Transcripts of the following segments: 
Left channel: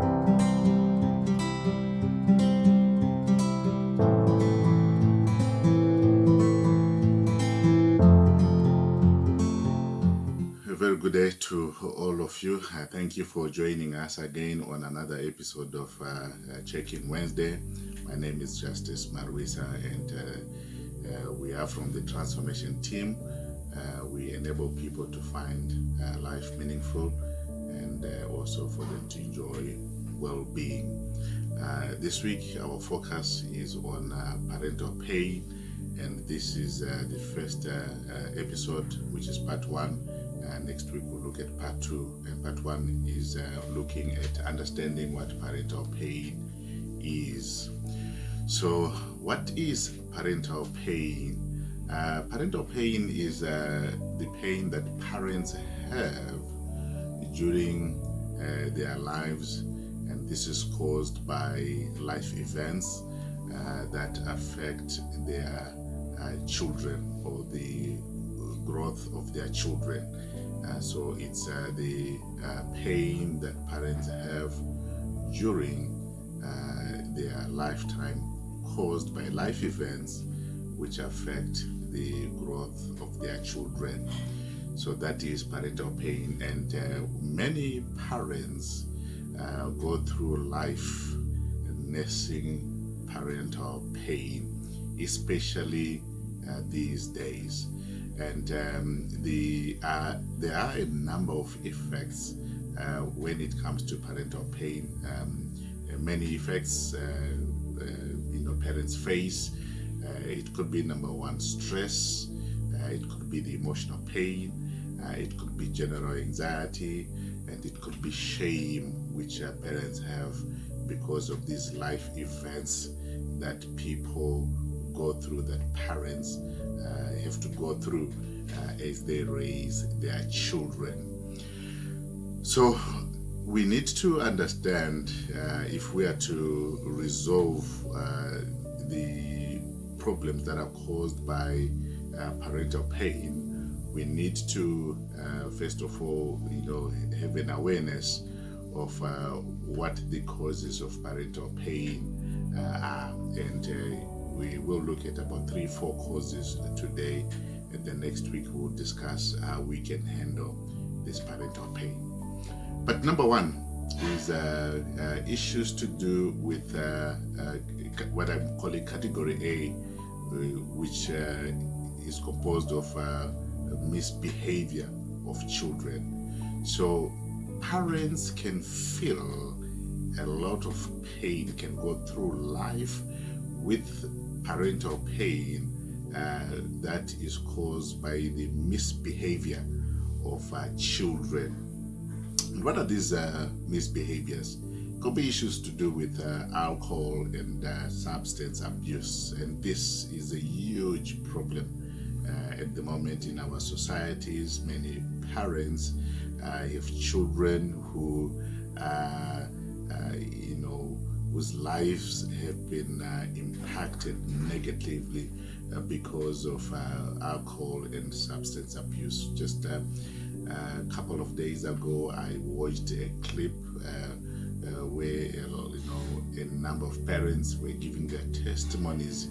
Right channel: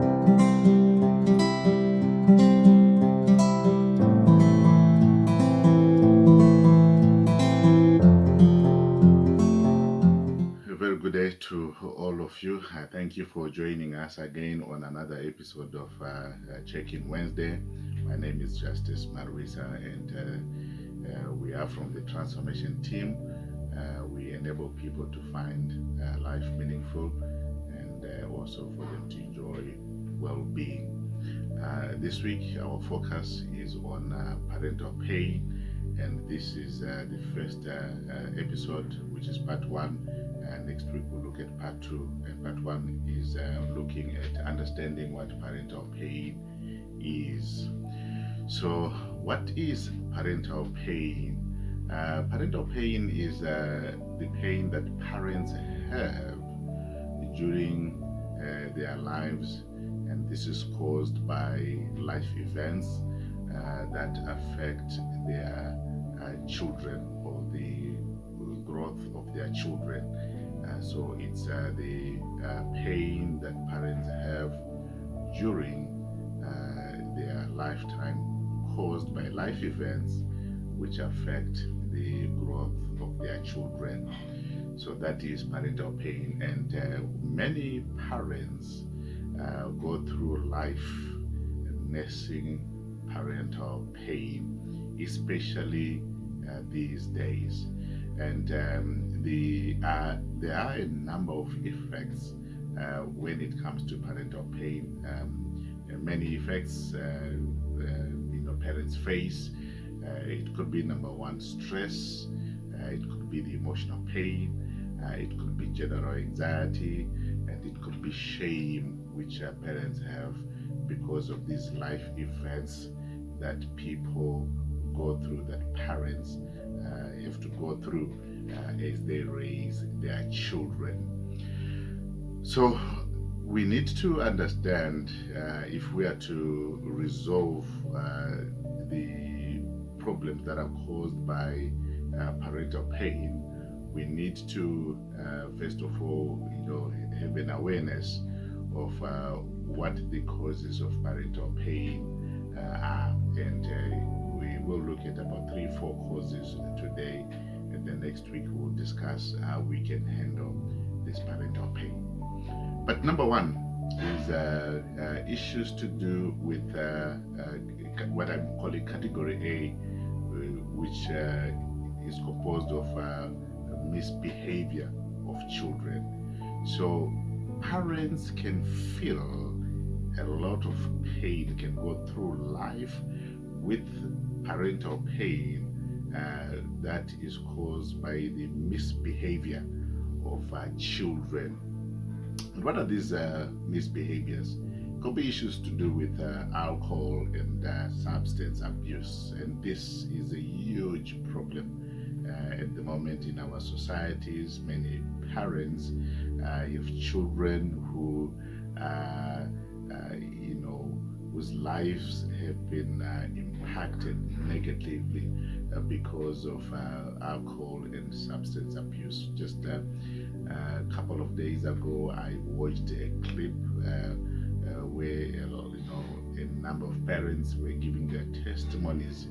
A very good day to all of you. Thank you for joining us again on another episode of Check-in Wednesday. My name is Justice Marwisa, and we are from the transformation team. We enable people to find life meaningful and also for them to enjoy well-being. This week, our focus is on parental pain, and this is the first episode, which is part one. Next week we'll look at part two, and part one is looking at understanding what parental pain is. So what is parental pain? Parental pain is the pain that parents have during their lives, and this is caused by life events that affect their children or the growth of their children. So it's the pain that parents have during their lifetime, caused by life events which affect the growth of their children. So that is parental pain, and many parents go through life nursing parental pain, especially these days. And there are a number of effects when it comes to parental pain. Many effects parents face. It could be, number one, stress. It could be the emotional pain. It could be general anxiety, and it could be shame, which parents have because of these life events that people go through, that parents have to go through as they raise their children. So we need to understand, if we are to resolve the problems that are caused by parental pain, we need to first of all, have an awareness of what the causes of parental pain are, and we will look at about 3-4 causes today, and then next week we'll discuss how we can handle this parental pain. But number one is issues to do with what I'm calling category A, which is composed of misbehavior of children. So parents can feel a lot of pain, can go through life with parental pain that is caused by the misbehavior of children. And what are these misbehaviors? It could be issues to do with alcohol and substance abuse, and this is a huge problem at the moment in our societies. Many parents have children who whose lives have been impacted negatively because of alcohol and substance abuse. Just a couple of days ago, I watched a clip where a number of parents were giving their testimonies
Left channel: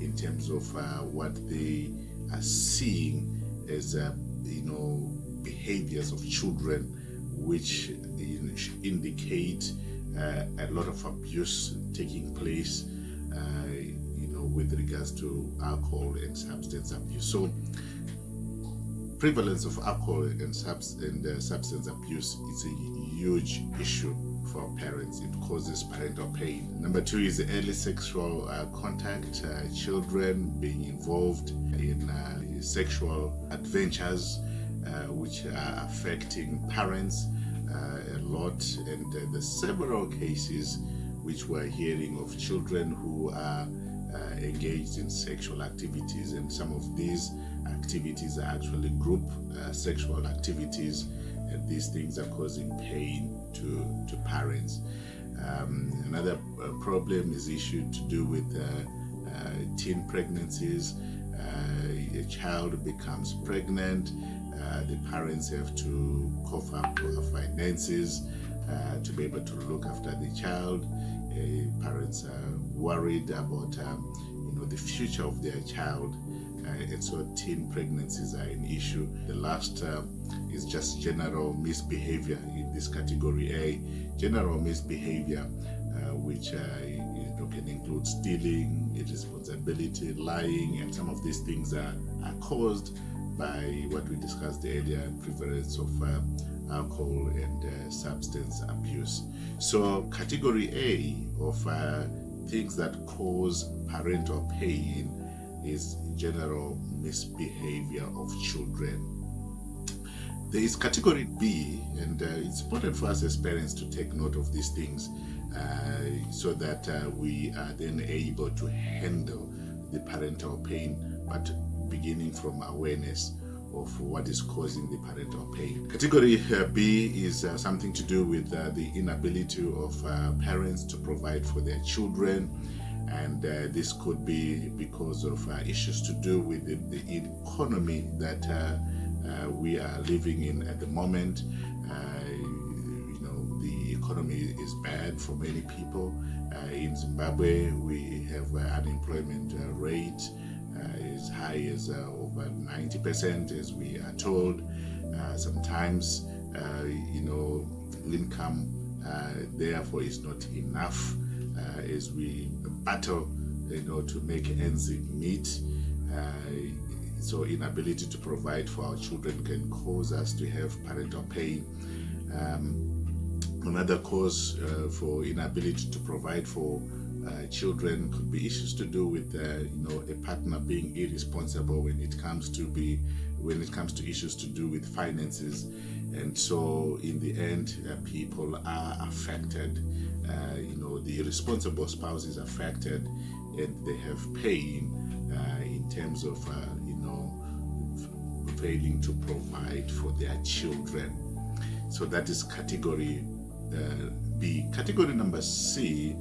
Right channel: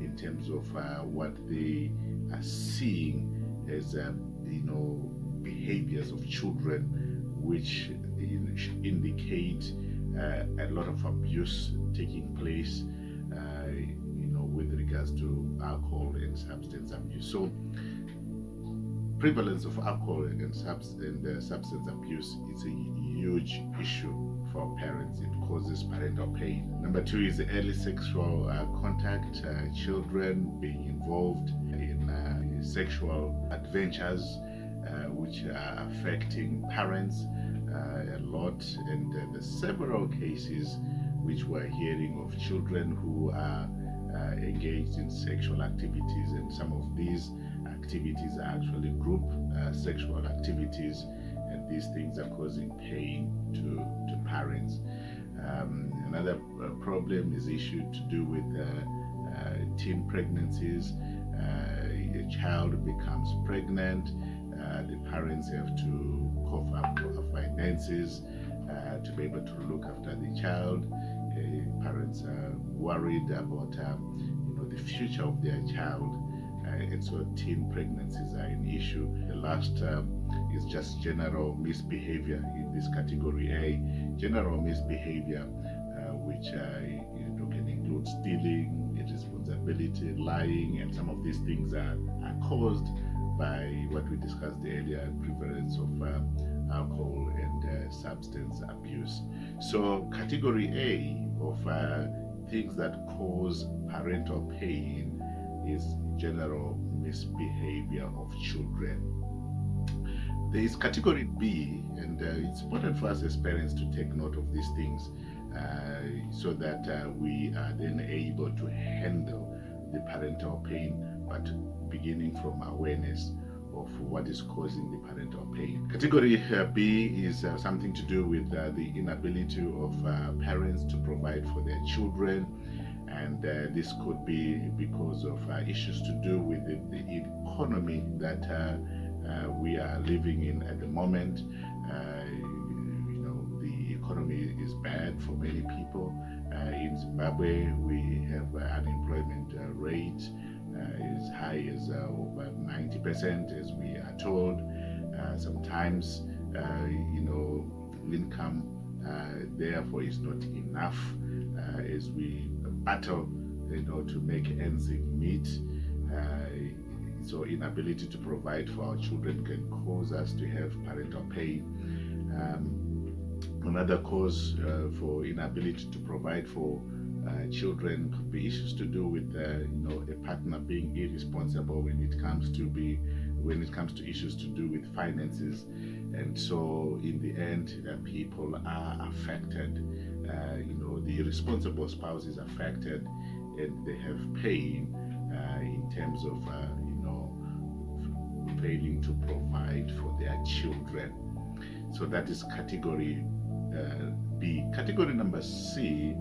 in terms of what they are seeing as behaviors of children, which indicate a lot of abuse taking place, with regards to alcohol and substance abuse. So, prevalence of alcohol and substance abuse is a huge issue for parents. It causes parental pain. Number two is early sexual contact, children being involved in sexual adventures, which are affecting parents a lot. And there's several cases which we're hearing of children who are engaged in sexual activities, and some of these activities are actually group sexual activities, and these things are causing pain to parents. Another problem is issue to do with teen pregnancies. A child becomes pregnant, the parents have to cough up finances to be able to look after the child. Parents are worried about the future of their child, and so teen pregnancies are an issue. The last is just general misbehavior in this category A. General misbehavior, which can include stealing, irresponsibility, lying, and some of these things are caused by what we discussed earlier, prevalence of alcohol and substance abuse. So category A of things that cause parental pain is general misbehavior of children. There is category B, and it's important for us as parents to take note of these things so that we are then able to handle the parental pain, but beginning from awareness of what is causing the parental pain. Category B is something to do with the inability of parents to provide for their children, and this could be because of issues to do with the economy that we are living in at the moment. The economy is bad for many people. In Zimbabwe, we have unemployment rate as high as over 90%, as we are told. Sometimes, income therefore is not enough as we battle, to make ends meet. So inability to provide for our children can cause us to have parental pain. Another cause for inability to provide for children could be issues to do with a partner being irresponsible when it comes to issues to do with finances, and so in the end people are affected. The irresponsible spouse is affected, and they have pain in terms of failing to provide for their children. So that is category B. Category number C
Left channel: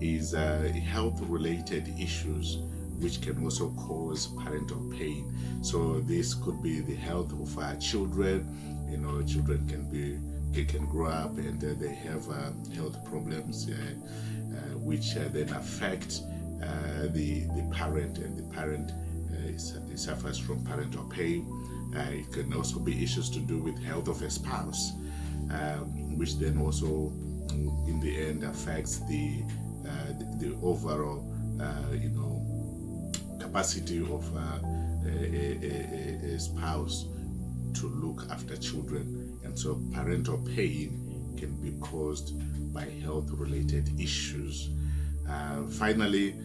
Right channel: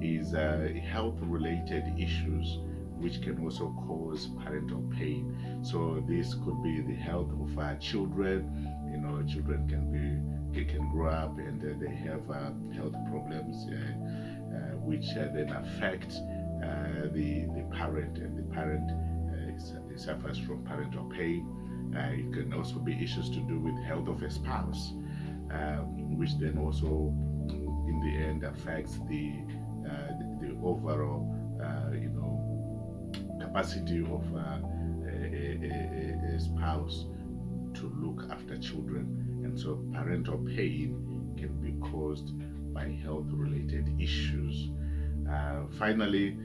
is health-related issues, which can also cause parental pain. So this could be the health of our children. Children can grow up and they have health problems, which then affect the parent, and the parent suffers from parental pain. It can also be issues to do with health of a spouse, which then also in the end affects the overall capacity of a spouse to look after children. And so parental pain can be caused by health related issues. Finally,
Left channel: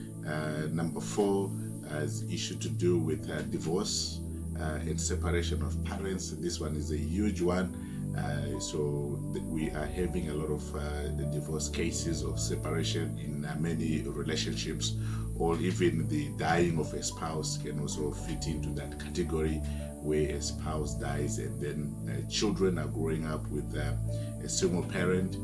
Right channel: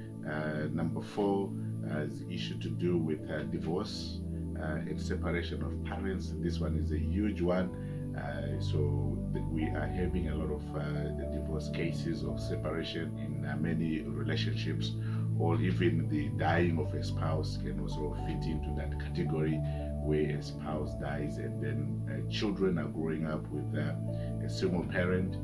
number 4 is issue to do with divorce and separation of parents. This one is a huge one. So we are having a lot of divorce cases of separation in many relationships, or even the dying of a spouse can also fit into that category, where a spouse dies and then children are growing up with a single parent.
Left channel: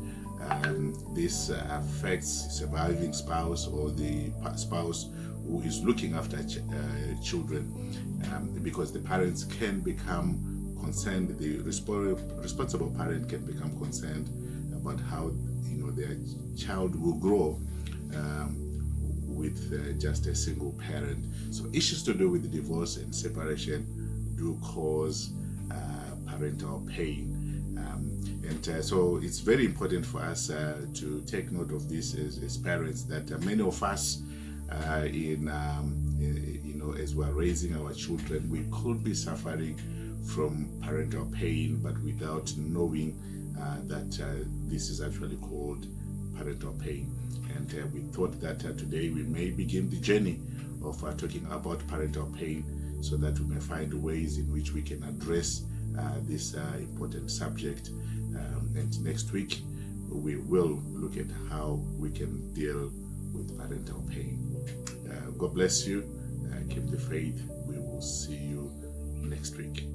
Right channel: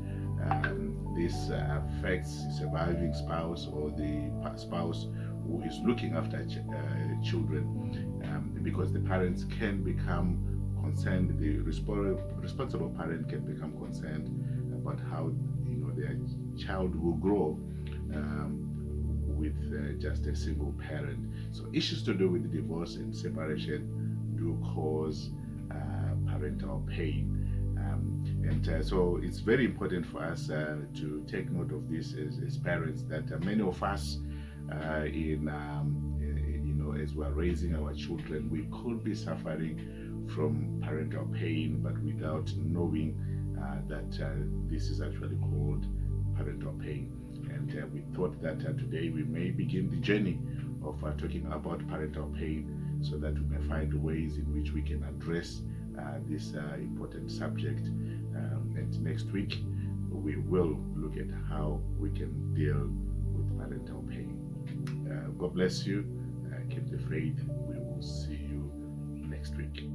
This affects surviving spouse or the spouse who is looking after children, because the parents can become concerned, the responsible parent can become concerned about how their child will grow with just a single parent. So issues to do with the divorce and separation do cause parental pain. So it's very important for us to take note of this as parents, that many of us as we're raising our children, we could be suffering from parental pain, but without knowing that this is actually called parental pain. And we thought that today we may begin the journey of talking about parental pain, so that we may find ways in which we can address this important subject. And next week we will look at how we can deal with parental pain. God bless you. Keep the faith. We will see you next week.